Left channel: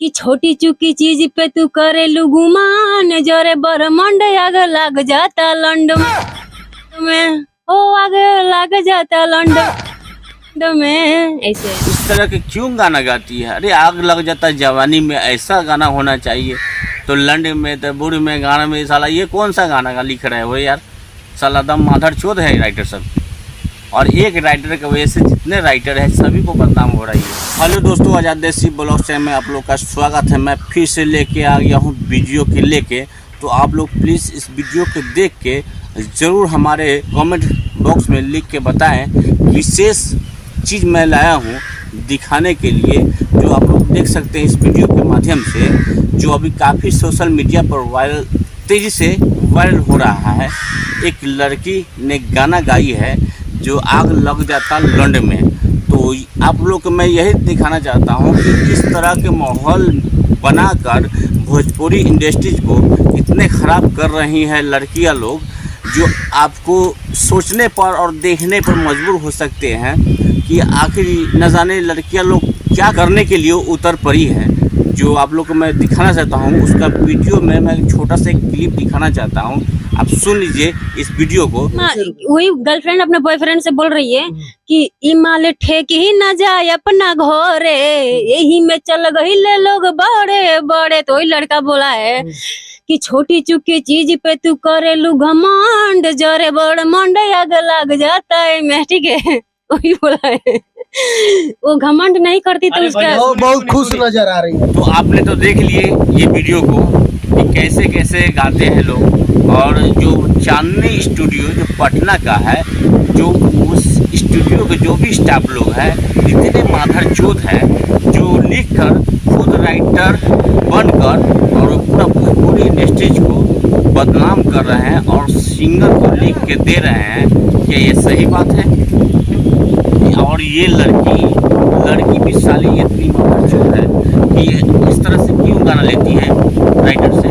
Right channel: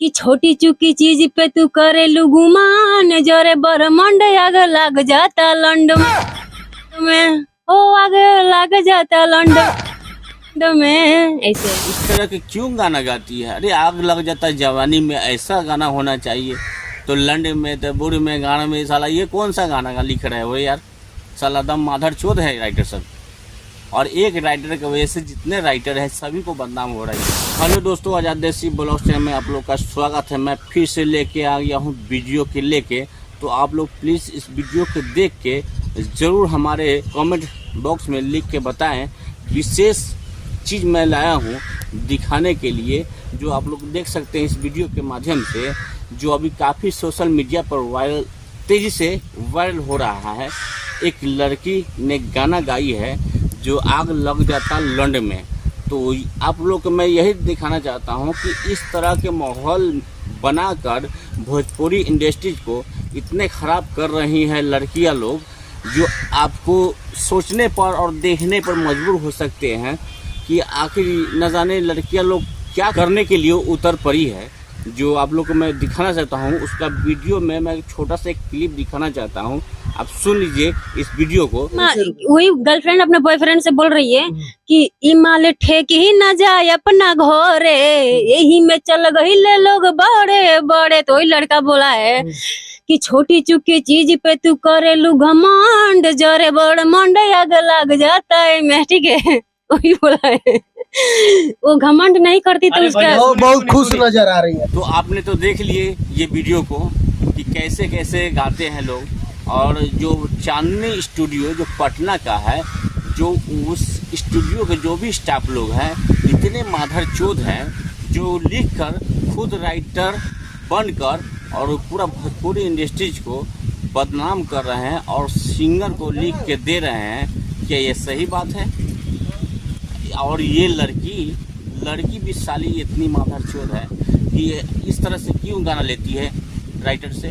कि छोटी चुकी चीज पे तू करे गुमान, जोरे ब्रह्मांड आग लग जाता लंड में, हो आग लग जाता लंड में। ऐसे इस तरह के क्यों गाना गाती है? अरे आग लग जाता जवानी में, ऐसा गाना होना चाहिए। तो लंड में तो बुढ़ में गाना में साला ये कौन सा गाना लिख रहे हो यार? साला दम माधर चोद है राइटर सब। और एक राइटर की वजह से जितने राइटर हैं सभी को बदनाम हो रही है। हेलो दोस्तों, आज़ाद देसी ब्लॉग चैनल में आप लोग का स्वागत है। मैं फिर से लेके आ गया हूँ वीडियो के लेके। तो आप लोग प्लीज़ इस वीडियो को देख के ज़रूर हमारे कमेंट बॉक्स में लिख के बताएं। विशेष चीज़ मैं लाया हूँ दिखाने के लिए, जो आप लोग देख सकते हैं इस वीडियो के माध्यम से, जो अभी काफ़ी सोशल मीडिया पर तेज़ी से वायरल हो रहा है। एक लड़की ने गाना गाई है जो आग लग जाता लंड में। तो आप लोग को मैं यही दिखाना चाहता हूँ कि इस तरह के माहौल बनाकर भोजपुरी इंडस्ट्रीज को इतने ख़राब कर रही हैं लड़कियाँ लोग, जो आपको सोचने पर और देखने पर मजबूर हो सकते हैं कि आखिर न जाने लड़कियाँ लोग क्या करने के लिए उतर पड़ी हैं। जो आप लोग को मैं दिखाना चाहता हूँ उसका वीडियो में मैं छोटा सा एक क्लिप दिखाना चाहता हूँ, आप सुन लीजिए इस वीडियो को। वही गर्लफ्रेंड अपने बॉयफ्रेंड से बोल रही है कि इमाल ठेक ही न जाए अपना घरे, यही में चल गई ले लोग बड़े बड़े। तो वही लड़का बोला है कि छोटी चुकी चीज पे तू करे घमंड, जोरे बड़ मंड आग लग जाता है मैं। ठीक है, वही बोला है। वो घमंड नहीं करती तो उसका बहुत खुश नजर आ रही है। तो आपने तो देख लिए ये वीडियो को कि कैसे कैसे गाते हैं लोग। और जो चांदनी स्टूडियो जो पटना का है, जो उस स्टूडियो के जो भी स्टाफ लोग हैं इतने माधर चोद हैं, जो लिखकर खुद राइटर बनकर और पूरा भोजपुरी इंडस्ट्रीज को बदनाम कर रहे हैं और सिंगर को लिख के दे रहे हैं। क्या ये सही बात है? और ये लड़की भी साली इतनी माधर है कि इस तरह से क्यों गाना लेती है राइटर से?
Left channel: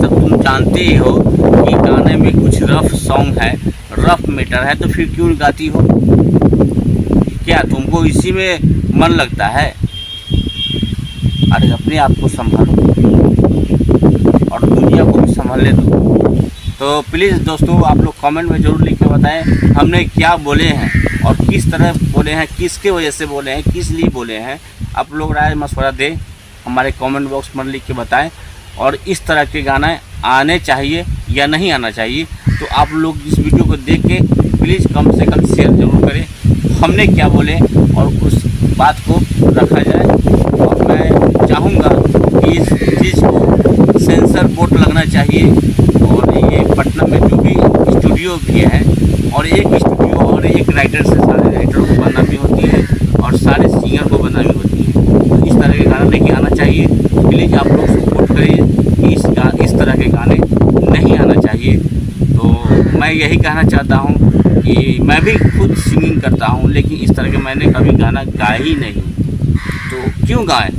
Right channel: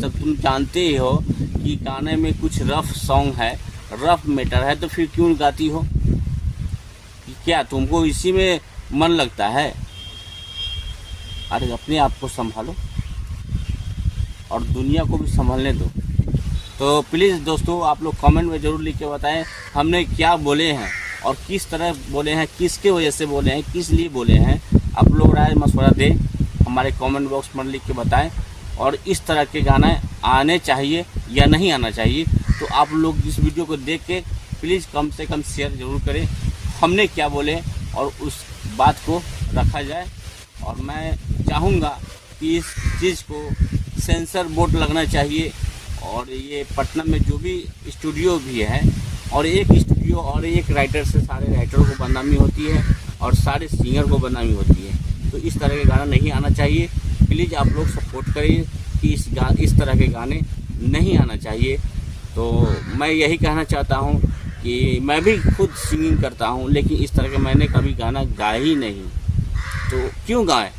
जब तुम जानते ही हो कि गाने में कुछ रफ सॉन्ग है, रफ मैटर है, तो फिर क्यों गाती हो? क्या तुमको इसी में मन लगता है? अरे अपने आप को संभालो और दुनिया को भी संभालने दो। तो प्लीज़ दोस्तों आप लोग कमेंट में ज़रूर लिख के बताएं हमने क्या बोले हैं और किस तरह बोले हैं, किसके वजह से बोले हैं, किस लिए बोले हैं। आप लोग राय मशवरा दें, हमारे कमेंट बॉक्स में लिख के बताएं। और इस तरह के गाने आने चाहिए या नहीं आना चाहिए, तो आप लोग इस वीडियो को देख के प्लीज़ कम से कम शेयर जरूर करें हमने क्या बोले और उस बात को रखा जाए। और मैं चाहूँगा कि इस चीज़ को सेंसर बोर्ड लगना चाहिए। और ये पटना में जो भी स्टूडियो भी है, और एक स्टूडियो और एक राइटर से सारे राइटरों को बदनामी होती है और सारे सिंगर को बदनामी होती है। तो इस तरह के गाना नहीं आना चाहिए। प्लीज़ आप लोग सपोर्ट करिए कि इस तरह के गाने नहीं आना चाहिए। तो मैं यही कहना चाहता हूँ कि मैं भी खुद सिंगिंग करता हूँ, लेकिन इस तरह के मैंने कभी गाना गाया ही नहीं। तो क्यों गाएं?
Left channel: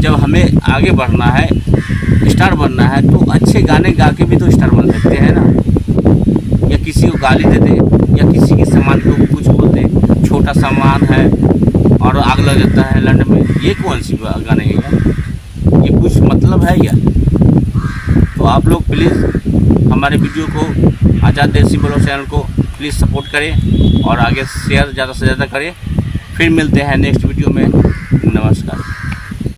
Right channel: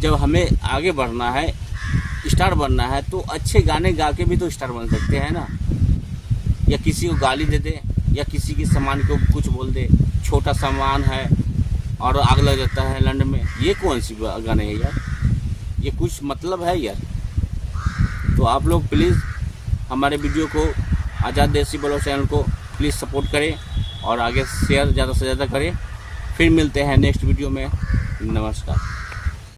जब हमें आगे बढ़ना है, स्टार बनना है, तो अच्छे गाने गा के भी तो स्टार बन सकते हैं ना। या किसी को गाली दे दे या किसी के सामान को कुछ बोल दे, छोटा सामान है और आग लग जाता है लंड में, ये कौन सी गाने है यार? ये कुछ मतलब है यार? तो आप लोग प्लीज़ हमारे वीडियो को आज़ाद देसी ब्लॉग चैनल को प्लीज़ सपोर्ट करें और आगे शेयर ज़्यादा से ज़्यादा करें। फिर मिलते हैं नेक्स्ट वीडियो में।